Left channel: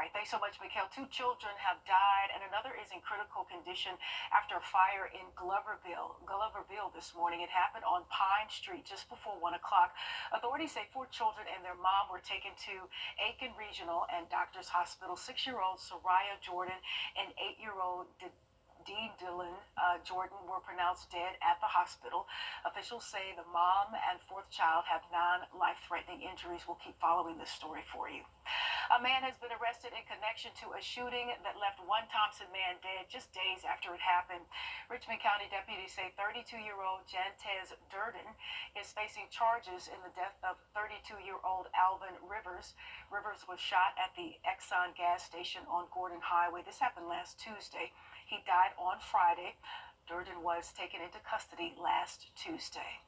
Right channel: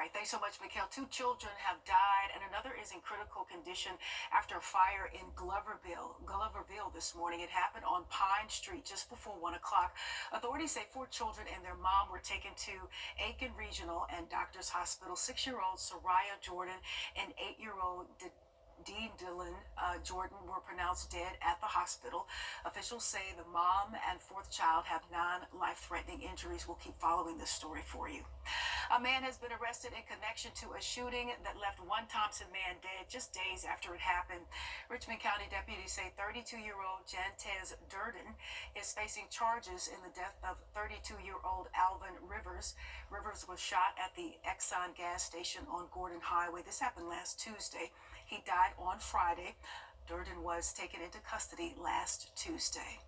right, thanks so much, Mikhail. 2 children have died, and another is in critical condition after a fire in Gloverville this morning. It happened on Pine Street just before 1 o'clock. Authorities say 4 children and their mom were taken to Aiken Regional and Doctors Hospital. 6-year-old Soraya Jordan and 8-year-old Dylan Jordan were pronounced dead at the hospital. Officials say the mom and 4th child have non-life-threatening injuries. We'll keep following this story for you. A man has been arrested in connection to a shooting that left one Thompson man dead just days after it happened. Richmond County deputies say 32-year-old Jantez Durden is facing charges in the death of 32-year-old Alvin Rivers. Rivers was shot at the Exxon gas station on Gordon Highway. This happened last Tuesday. He died on Friday. Durden was taken into custody last Tuesday.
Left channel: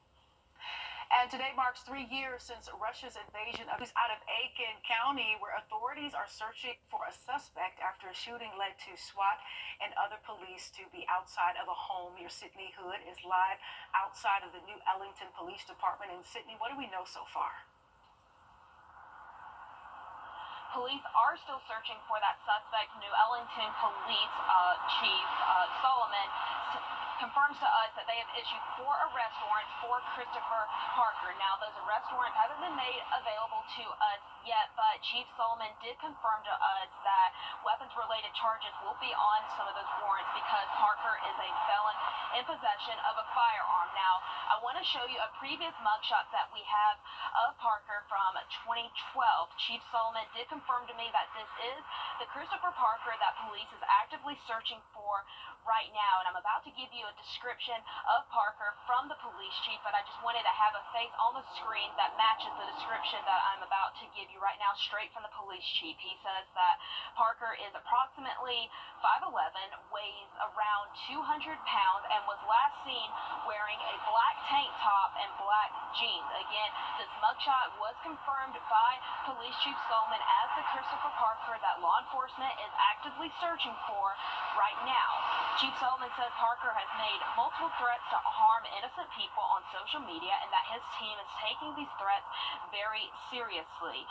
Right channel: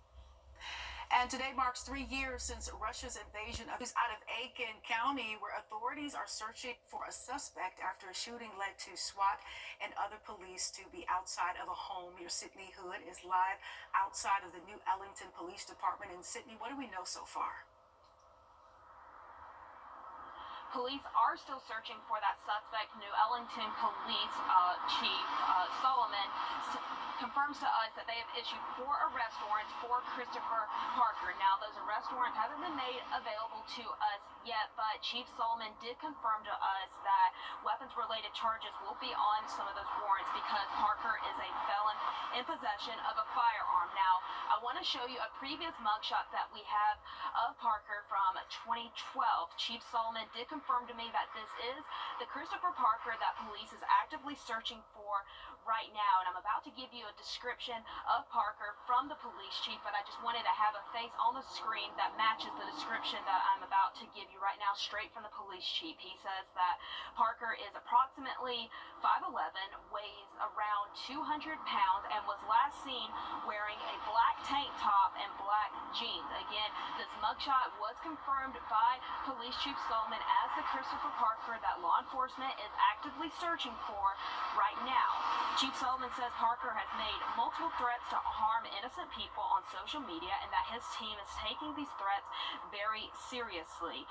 And today marks 3 years since Russia's invasion of Aiken County, where authorities are searching for a suspect after a shooting led to SWAT and other police to be outside of a home. Your Sydney Hood is live outside of the New Ellington Police Department. In Sydney, what do we know so far? Police are still searching for that suspect. New Ellington Police Chief Solomon confirms to us that they have issued 4 arrest warrants for Christopher Parker. Now, those arrest warrants haven't been made available to us yet, but Chief Solomon did confirm to us that weapons-related charges will be on some of those warrants because Parker is a felon in possession of a firearm. Now, I want to show you a previous mugshot that we have of Parker from 2012. Chief Solomon did confirm to me that this is the Christopher Parker that police is actively searching for right now, and I'm about to give you a description of Parker from the police chief, but I just wanted to have a face on the screen that matches the description that I'm about to give you right now, straight from the police chief. He says that Parker is approximately 5'11", weighs around 200 pounds, and was last seen wearing a black tank top and black jeans. Again, this mugshot was confirmed by Police Chief Solomon as the Christopher Parker that law enforcement is actively searching for right now. Chief Solomon says Parker has made multiple threats to harm innocent people on social media and that his team is taking these threats very seriously.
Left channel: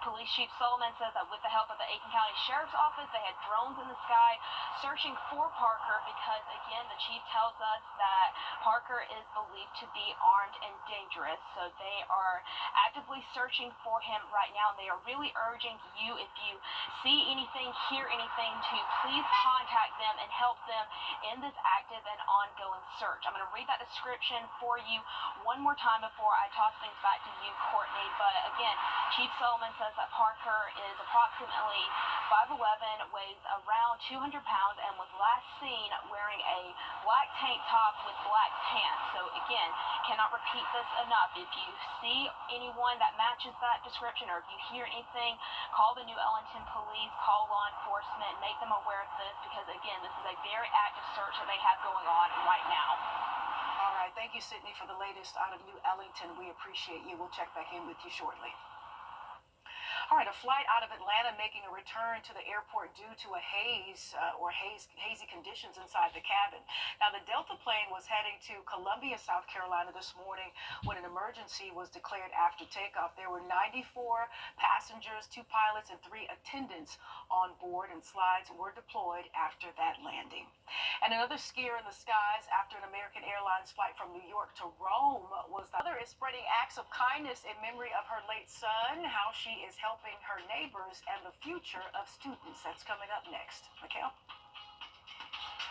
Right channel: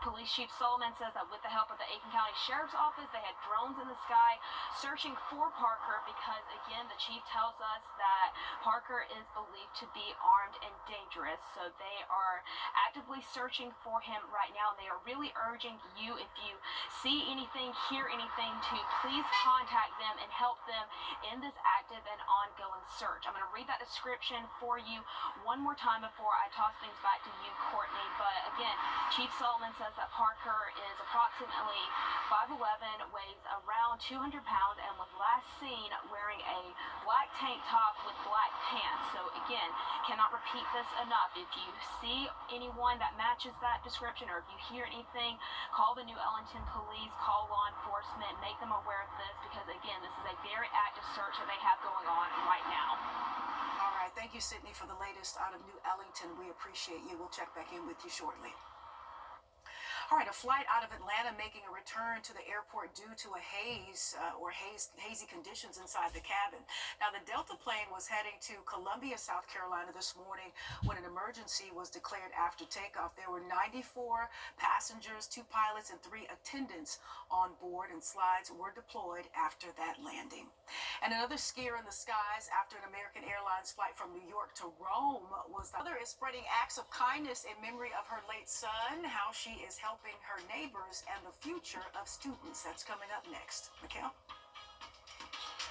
Police Chief Solomon says that with the help of the Aiken County Sheriff's Office, they had drones in the sky searching for Parker because, again, the chief tells us that Parker is believed to be armed and dangerous. So they are actively searching for him right now, and they are really urging you, if you see anything, hear anything, to please contact them and help them in this active and ongoing search. I'm going to read that description for you one more time before I toss things back to you, Courtney. But again, Chief Solomon says that Parker is approximately 5'11", weighs around 200 pounds, and was last seen wearing a black tank top with black pants. So again, cannot repeat this enough. If you see anyone that matches that description, or if you hear anything, call the New Ellington Police, call law enforcement, make them aware of this, because again, this is a very active search that they have going on right now. All right, thank you, Sydney, for the latest out of New Ellington. We appreciate you. We'll check back in with you shortly. All right, a flight out of Atlanta making a return to the airport due to a hazy conditions inside the cabin. Now, the Delta plane was heading to Columbia, South Carolina this morning when an emergency was declared after takeoff. There were 94 passengers, 2 pilots, and 3 attendants on board, and slides were deployed after that landing. And another scare in the skies after an American Airlines flight from New York to Rome was the other is spreading acts of kindness in memory of her late son, how she is helping her neighbors and the future of students. That's coming up next. Mikhail?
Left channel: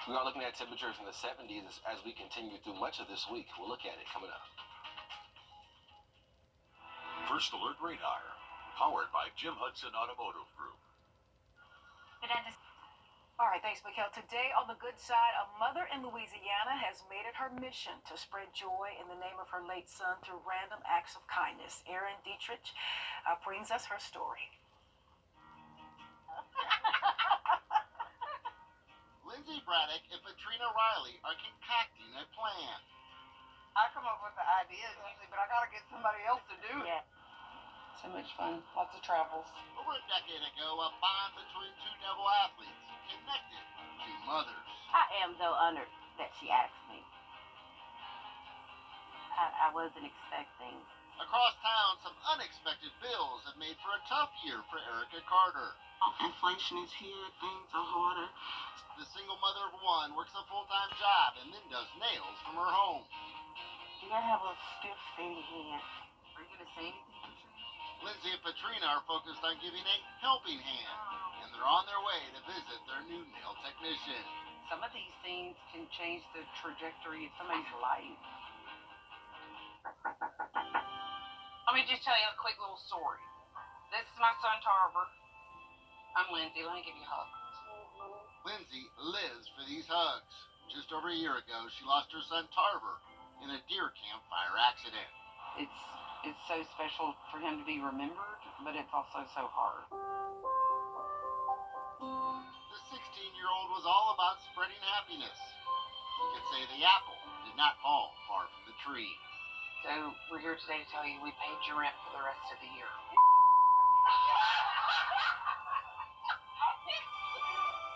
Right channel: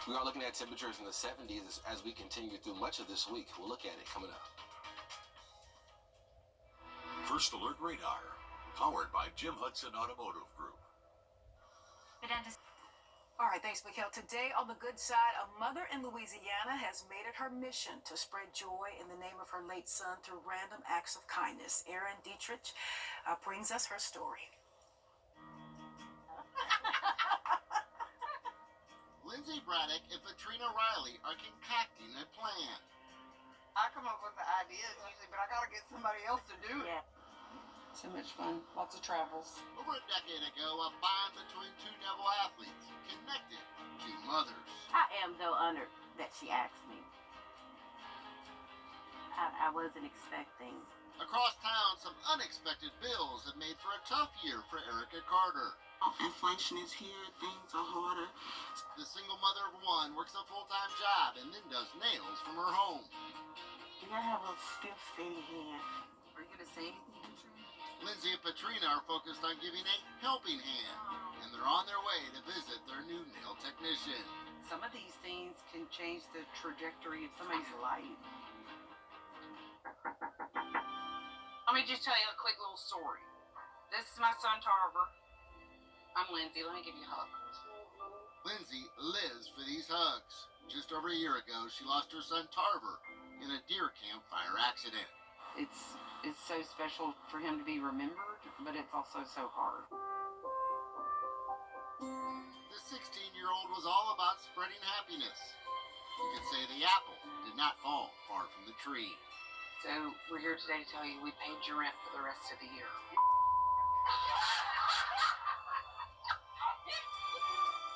We are looking at temperatures in the 70s as we continue through much of this week. We'll look at it coming up. First Alert Radar, powered by Jim Hudson Automotive Group. All right, thanks, Mikhail. Today on the good side, a mother in Louisiana has made it her mission to spread joy in the name of her late son through random acts of kindness. Erin Dietrich brings us her story. Lindsay Braddock and Katrina Riley are concocting a plan. I come up with the ideas usually, but I gotta get somebody else to do it. So much fun. Lots of travels. Over a decade ago, a bond between 2 Devil athletes connected 2 mothers. I am, though, honored that she asked me. I wasn't expecting Across town, some unexpected bills have made for a tough year for Erica Carter. Inflation is here, things are harder. The single mother of one works a full-time job and then does nails from her home. You gotta have a stiff, steady hand. Are you gonna say anything, Katrina? Lindsay and Patrina are focused on giving a helping hand, and they're on their way to visit their new nail technician. Some of these things can change the trajectory of somebody's life. Let me just tell you a quick little story. This is my son Tarver. I'm Lindsay. Let me give you a hug. Lindsay lives for these hugs. Just over a year ago, she lost her son Tarver in a deer camp fire accident. It's so special for him to be remembered, but it's also so hard. The 16-year-old was all about spreading happiness. You could say the apple did not fall far from the tree. So we're here today to tell you we paid your rent for the rest of the year.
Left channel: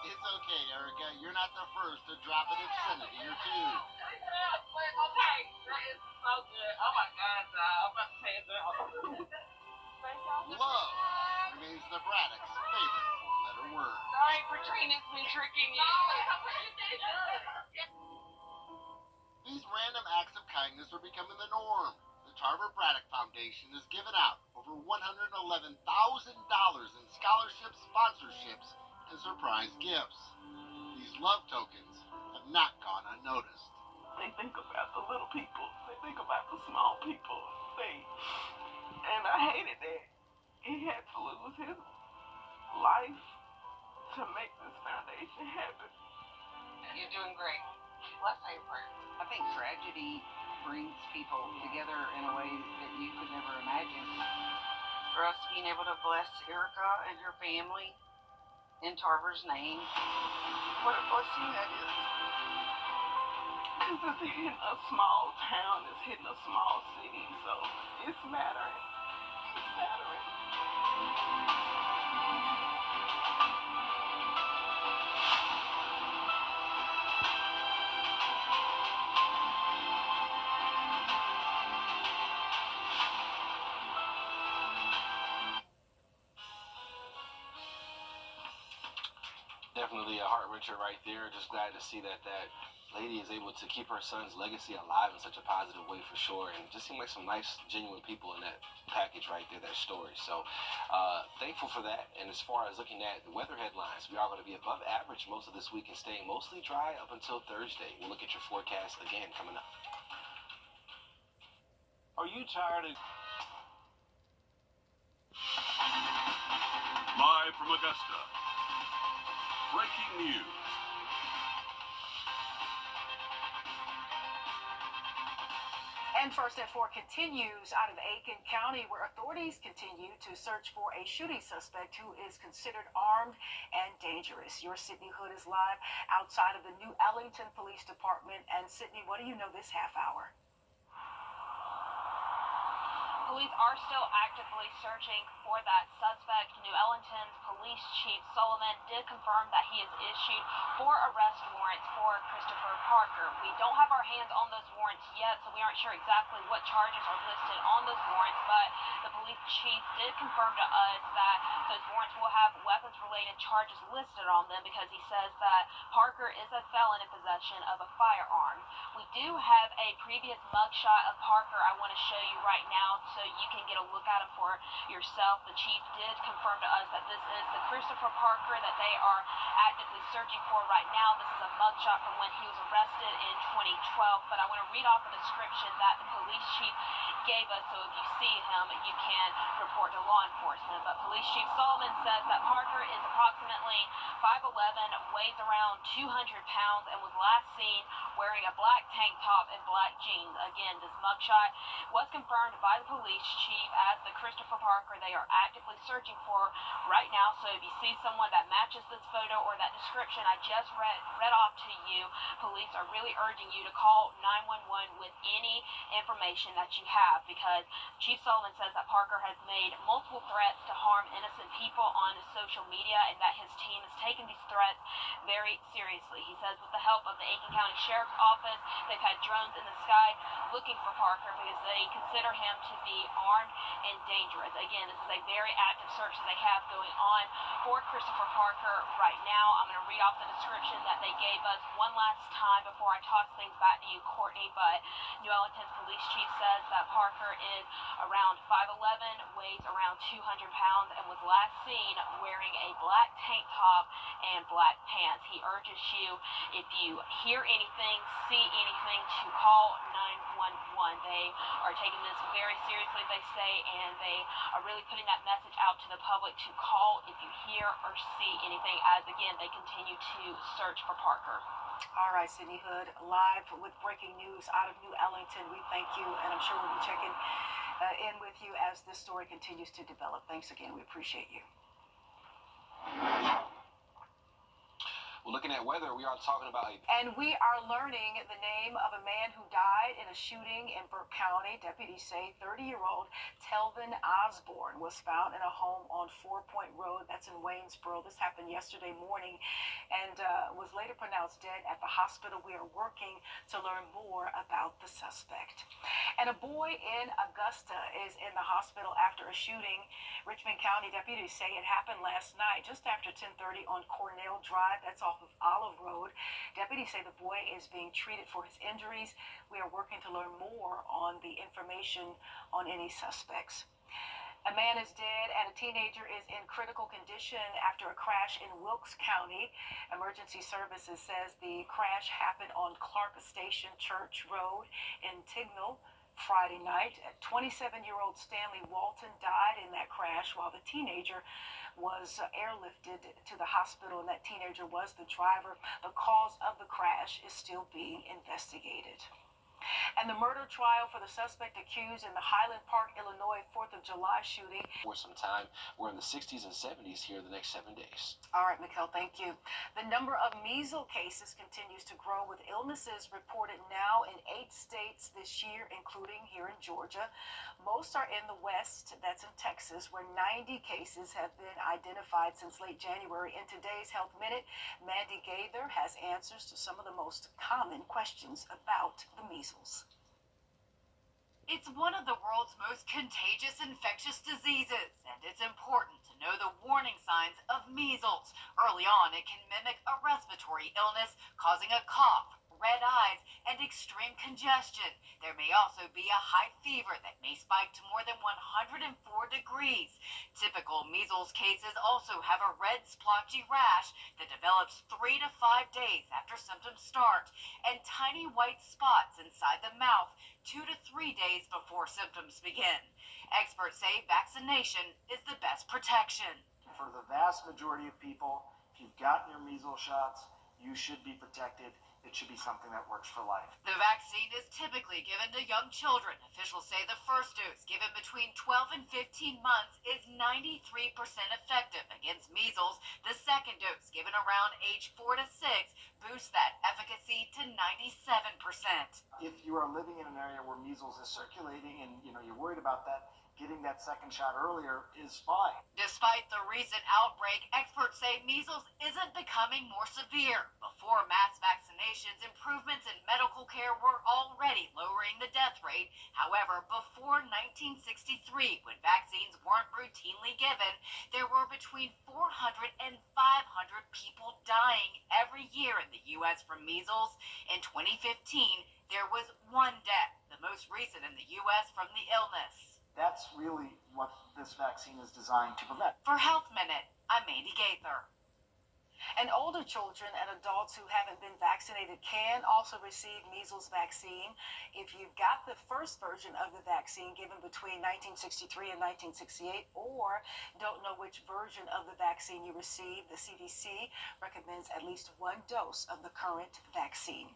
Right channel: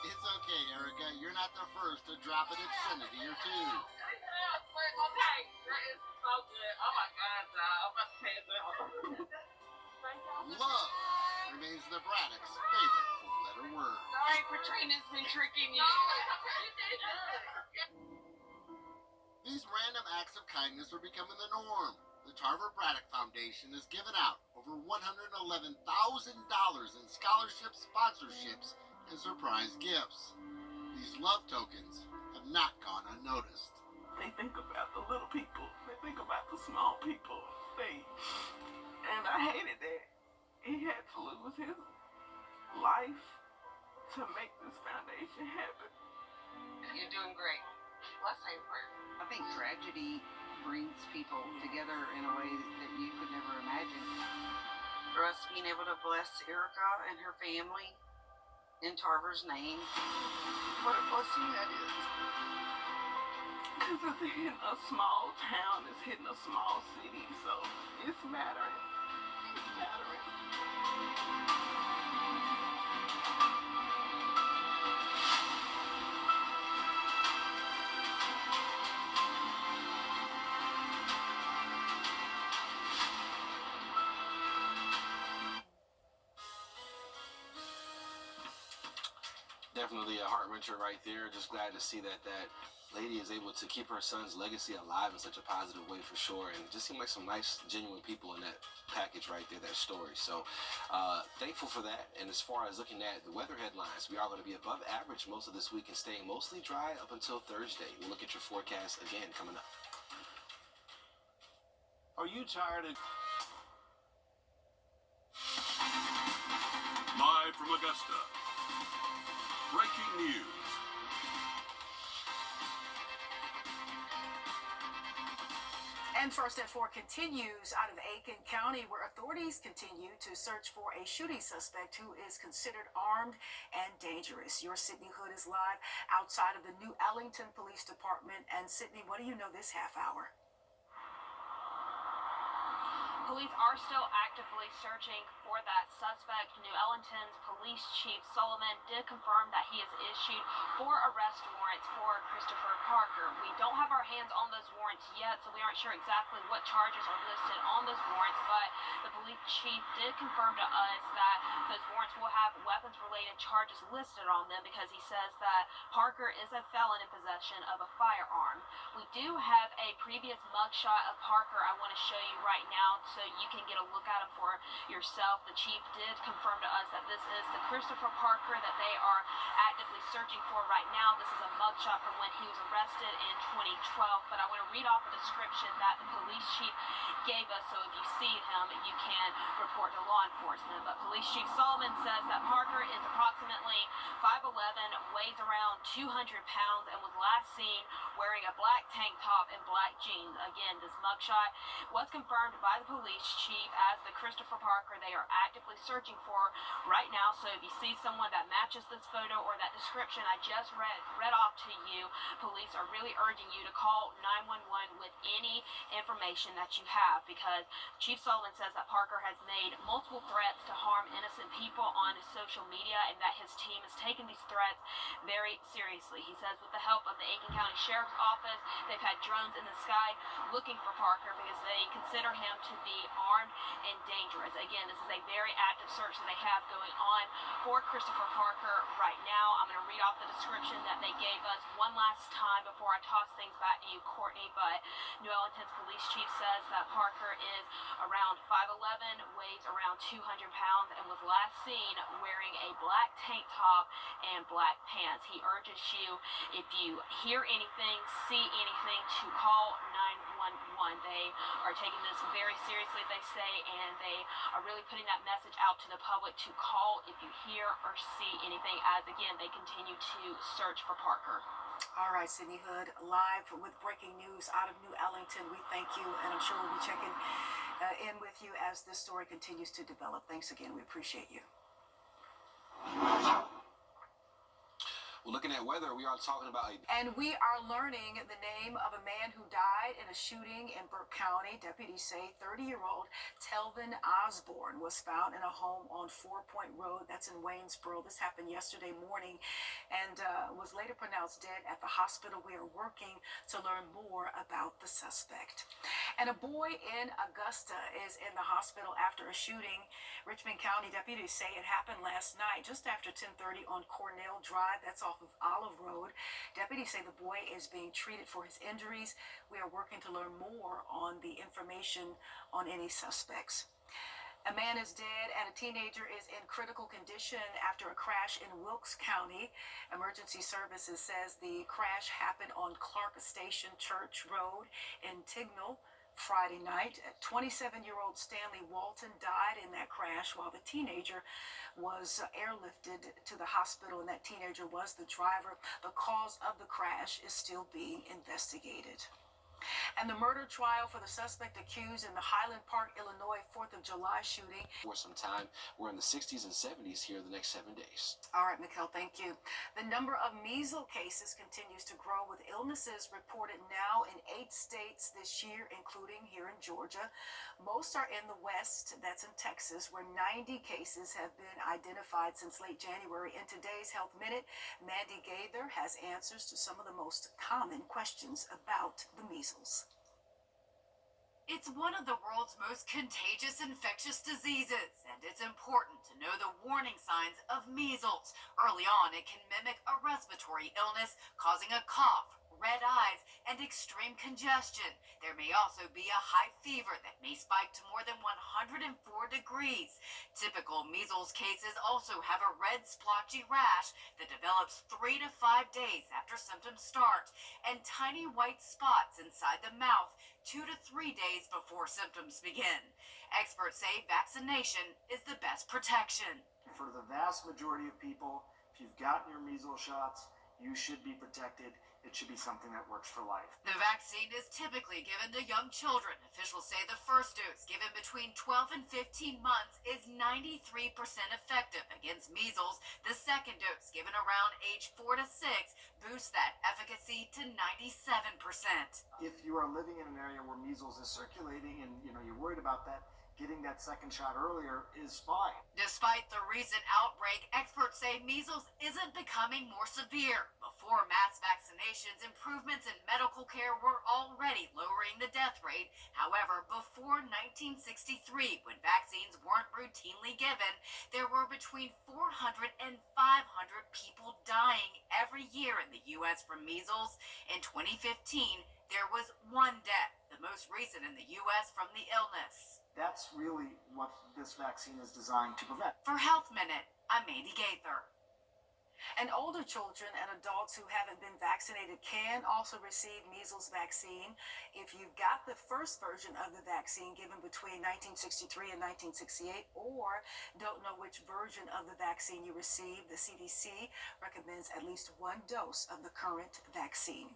It's okay, Erica. You're not the first to drop an obscenity or two. Okay, that is so good. Oh my God, I'm about to pay it down. Love remains the Braddock's favorite four-letter word. Sorry, Katrina's been tricking you. These random acts of kindness are becoming the norm. The Tarver Braddock Foundation has given out over $111,000 in scholarships, sponsorships, and surprise gifts. These love tokens have not gone unnoticed. They think about the little people. They think about the small people. And I hated that. He had to lose his life to make this foundation happen. You're doing great. Let's say a prayer. I think tragedy brings people together in a way that you could never imagine. For us being able to bless Erica and her family in Tarver's name, what a blessing that is. Because it's hitting a small town, it's hitting a small city, so it's mattering. It's mattering. Definitely a heart wrencher right there. Just glad to see that lady is able to keep her son's legacy alive in such a positive way for sure. And it just seemed like some nice, genuine people in that package right there, that story. So thankful for that. And as far as looking at the weather headlines, we are going to be above average most of this week and staying mostly dry up until Thursday. We'll look at your forecast again coming up. Are you tired of... Live from Augusta, breaking news. And First at 4 continues out of Aiken County, where authorities continue to search for a shooting suspect who is considered armed and dangerous. Your Sydney Hood is live outside of the New Ellington Police Department. And Sydney, what do you know this half hour? Police are still actively searching for that suspect. New Ellington's Police Chief Solomon did confirm that he has issued 4 arrest warrants for Christopher Parker. We don't have our hands on those warrants yet, so we aren't sure exactly what charges are listed on those warrants, but the police chief did confirm to us that those warrants will have weapons-related charges listed on them because he says that Parker is a felon in possession of a firearm. We do have a previous mugshot of Parker I want to show you right now so you can get a look at him for yourself. The chief did confirm to us that this is the Christopher Parker that they are actively searching for right now. This is a mugshot from when he was arrested in 2012, but I want to read off a description that the police chief gave us so if you see him, you can report to law enforcement. But Police Chief Solomon says that Parker is approximately 5'11", weighs around 200 pounds, and was last seen wearing a black tank top and black jeans. Again, this mugshot was confirmed by the police chief as the Christopher Parker they are actively searching for right now. So if you see someone that matches this photo or that description I just read off to you, police are really urging you to call 911 with any information that you have, because Chief Sullivan says that Parker has made multiple threats to harm from innocent people on social media, and that his team has taken these threats very seriously. He says with the help of the Aiken County Sheriff's Office, they've had drones in the sky looking for Parker because they consider him to be armed and dangerous. Again, this is a very active search that they have going on for Christopher Parker right now. I'm going to read off the description that they gave us one last time before I toss things back to you, Courtney. But New Orleans Police Chief says that Parker is around 5'11", weighs around 200 pounds, and was last seen wearing a black tank top and black pants. He urges you, if you hear anything, see anything, to call 911. They are taking this very seriously, they say, and they are really putting that message out to the public to call if you hear or see anything, as again they continue to search for Parker. All right, Sydney Hood, live with breaking news out of New Ellington. We thank you, and I'm sure we'll be checking in with you as this story continues to develop. Thanks again. We appreciate you. Well, looking at weather, we are talking about And we are learning the name of a man who died in a shooting in Burke County. Deputies say 30-year-old Telvin Osborne was found in a home on 4 Point Road. That's in Waynesboro. This happened yesterday morning and was later pronounced dead at the hospital. We are working to learn more about the suspect. And a boy in Augusta is in the hospital after a shooting. Richmond County deputies say it happened last night just after 10:30 on Cornell Drive. That's off of Olive Road. Deputies say the boy is being treated for his injuries. We are working to learn more on the information on any suspects. A man is dead and a teenager is in critical condition after a crash in Wilkes County. Emergency Services says the crash happened on Clark Station Church Road in Tignall Friday night. 27-year-old Stanley Walton died in that crash while the teenager was airlifted to the hospital, and that teenager was the driver. The cause of the crash is still being investigated. And the murder trial for the suspect accused in the Highland Park, Illinois 4th of July shooting. for some time. We're in the 60s and 70s here the next 7 days. All right, Mikkel, thank you. The number of measles cases continues to grow, with illnesses reported now in 8 states this year, including here in Georgia. Most are in the West, that's in Texas, where 90 cases have been identified since late January. In today's Health Minute, Mandy Gaither has answers to some of the most common questions about the measles. It's one of the world's most contagious infectious diseases, and it's important to know the warning signs of measles. Early on, it can mimic a respiratory illness, causing a cough, red eyes, and extreme congestion. There may also be a high fever that may spike to more than 104 degrees. Typical measles cases also have a red splotchy rash that develops 3 to 5 days after symptoms start, and tiny white spots inside the mouth 2 to 3 days before symptoms begin. Experts say vaccination is the best protection. For the vast majority of people, if you've gotten your measles shots, you should be protected. It should be something that works for life. The vaccine is typically given to young children. Officials say the first dose, given between 12 and 15 months, is 93% effective against measles. The second dose, given around age 4 to 6, boosts that efficacy to 97%. If you are living in an area where measles is circulating and you're worried about that, getting that second shot earlier is fine. Despite the recent outbreak, experts say measles isn't becoming more severe. Before mass vaccinations, improvements in medical care were already lowering the death rate. However, before 1963, when vaccines weren't routinely given, there were between 400 and 500 people dying every year in the U.S. from measles. In 2015, there was 1 death, the most recent in the U.S. from the illness. That's really what this vaccine is designed to prevent. For Health Minute, I'm Mandy Gaither. And older children and adults who haven't been vaccinated can also receive measles vaccine. If you've got the first version of the vaccine given between 1963 and 1968, or don't know which version of the vaccine you received, the CDC recommends at least 1 dose of the current vaccine.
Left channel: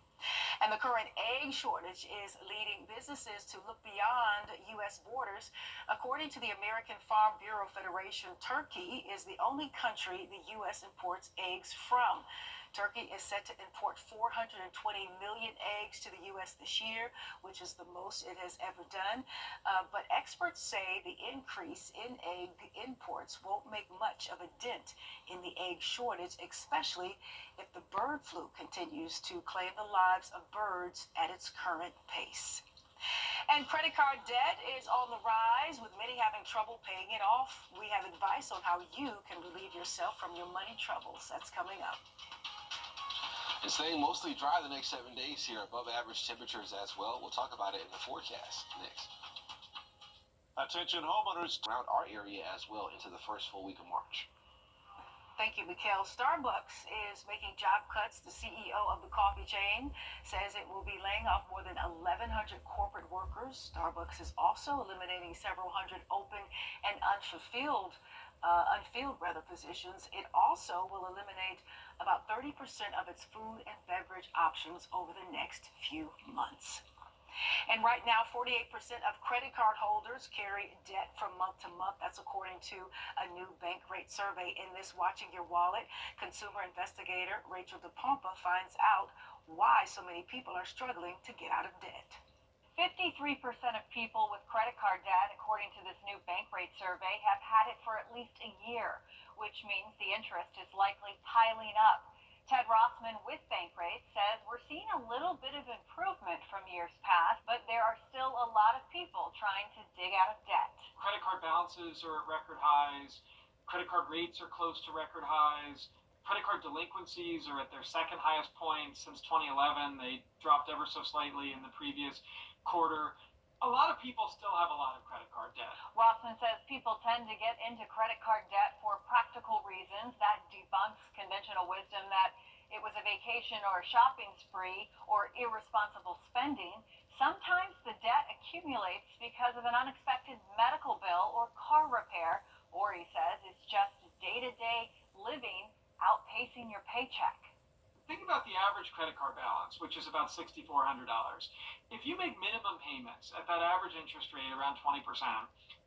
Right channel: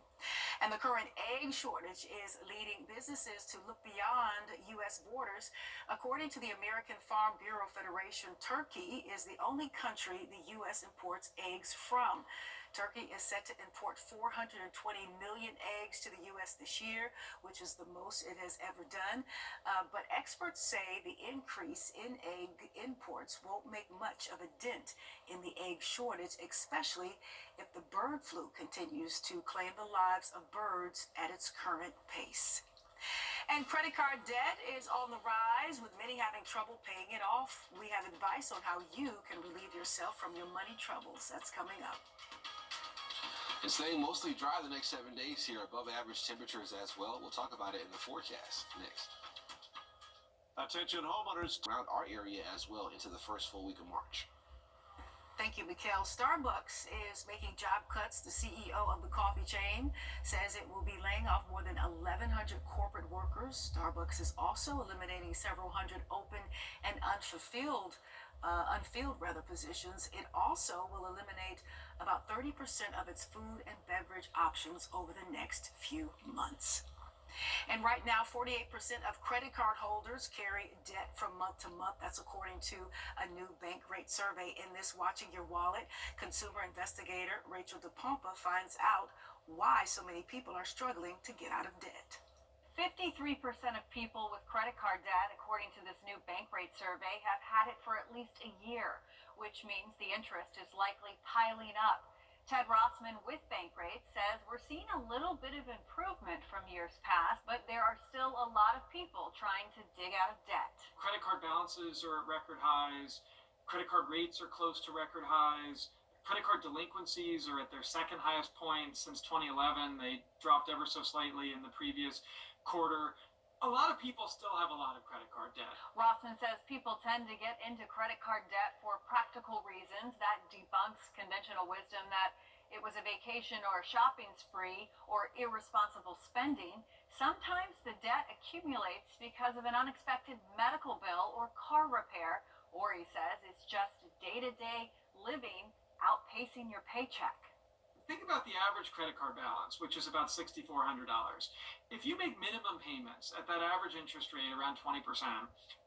And the current egg shortage is leading businesses to look beyond U.S. borders. According to the American Farm Bureau Federation, Turkey is the only country the U.S. imports eggs from. Turkey is set to import 420 million eggs to the U.S. this year, which is the most it has ever done. But experts say the increase in egg imports won't make much of a dent in the egg shortage, especially if the bird flu continues to claim the lives of birds at its current pace. And credit card debt is on the rise, with many having trouble paying it off. We have advice on how you can relieve yourself from your money troubles. That's coming up. It's staying mostly dry the next 7 days here, above average temperatures as well. We'll talk about it in the forecast next. Attention homeowners Around our area as well into the first full week of March. Thank you, Mikhail. Starbucks is making job cuts. The CEO of the coffee chain says it will be laying off more than 1,100 corporate workers. Starbucks is also eliminating several hundred open and unfilled positions. It also will eliminate about 30% of its food and beverage options over the next few months. And right now, 48% of credit card holders carry debt from month to month. That's according to a new bank rate survey. In this Watching Your Wallet, consumer investigator Rachel DePompa finds out why so many people are struggling to get out of debt. 53% of people with credit card debt, according to this new bank rate survey, have had it for at least a year, which means the interest is likely piling up. Ted Rossman with Bankrate says we're seeing a little bit of improvement from years past, but there are still a lot of people trying to dig out of debt. Credit card balances are at record highs. Credit card rates are close to record highs. Credit card delinquencies are at their second highest point since 2011. They dropped ever so slightly in the previous quarter. A lot of people still have a lot of credit card debt. Rossman says people tend to get into credit card debt for practical reasons. That debunks conventional wisdom that it was a vacation or a shopping spree or irresponsible spending. Sometimes the debt accumulates because of an unexpected medical bill or car repair, or he says it's just day-to-day living outpacing your paycheck. Think about the average credit card balance, which is about $6,400. If you make minimum payments at that average interest rate around 20%,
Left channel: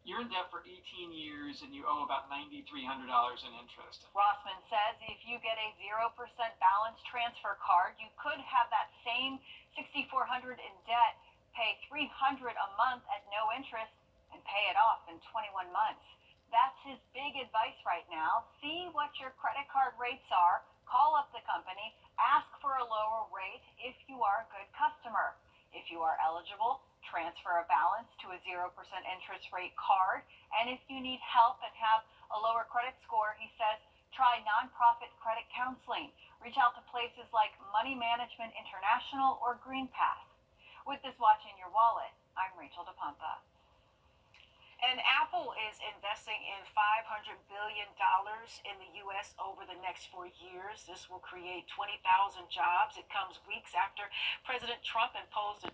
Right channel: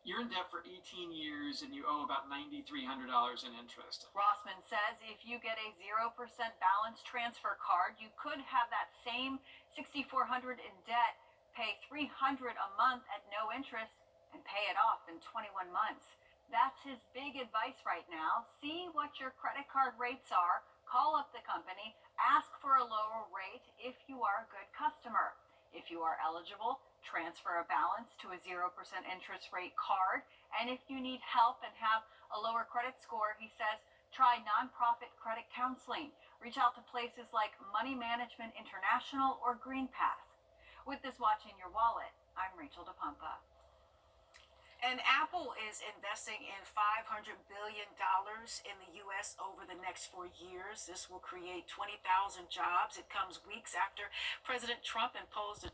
you're in debt for 18 years and you owe about $9,300 in interest. Rossman says if you get a 0% balance transfer card, you could have that same $6,400 in debt, pay $300 a month at no interest, and pay it off in 21 months. That's his big advice right now. See what your credit card rates are. Call up the company, ask for a lower rate if you are a good customer. If you are eligible, transfer a balance to a 0% interest rate card. And if you need help and have a lower credit score, he says, try nonprofit credit counseling. Reach out to places like Money Management International or GreenPath. With this Watching Your Wallet, I'm Rachel DePompa. And Apple is investing in $500 billion in the U.S. over the next 4 years. This will create 20,000 jobs. It comes weeks after President Trump imposed a